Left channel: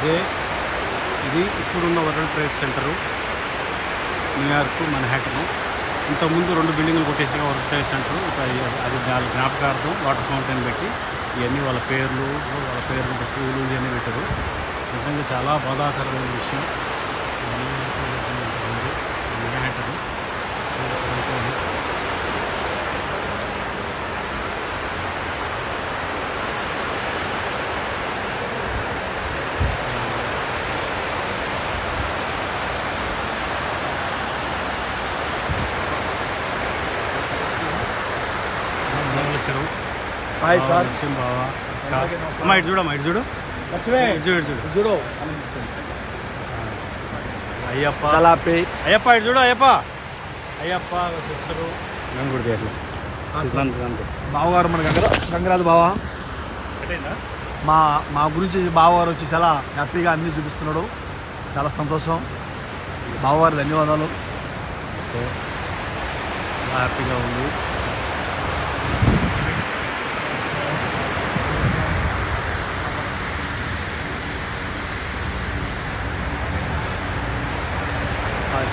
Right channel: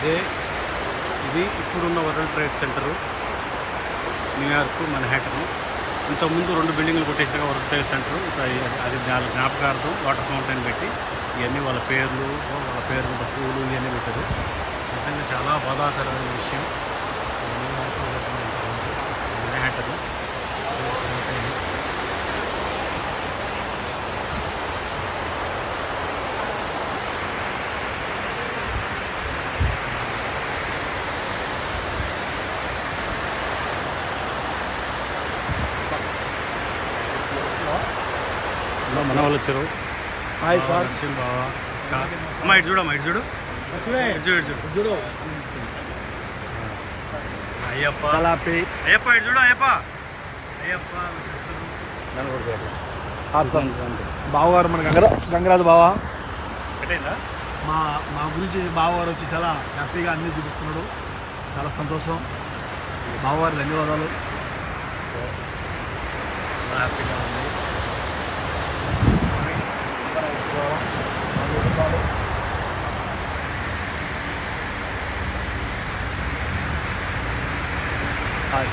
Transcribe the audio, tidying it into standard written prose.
ఇది ఇప్పుడున్న world trade centre, New York మన్హాటను. ఇంతకుముందు 2 బిల్డింగ్లు కొట్టేసిన వరల్డ్ ట్రేడ్ సెంటరు. అది జ్ఞాపకార్థం వాటర్ ఫౌంటైన్ పెట్టి ఇవన్నీ వాళ్ళ పేరు మీద పూలు ఇవన్నీ పెట్టారు. నిజంగా చాలా బాధాకరమైన విషయం. మన్హాటను మన వాళ్ళు వచ్చారు. Hi sir. నరసింహ బావ అమ్మ ఇటు చూడమ్మా, ఇటు చూడు, చూడు. అయ్యప్ప అయ్యప్ప ఇటు చూడు, అయ్యప్ప సిస్టరు బావగారు మన గంగరాజు బావ. కట్టయిందా? మా గురించి బావగారు వచ్చి చాలా హ్యాపీగా అన్నీ చూపిస్తున్నాడు. చాలా సంతోషం. బావగారు ధన్యవాదాలు. చాలా హ్యాపీగా ఉంది. హాయ్.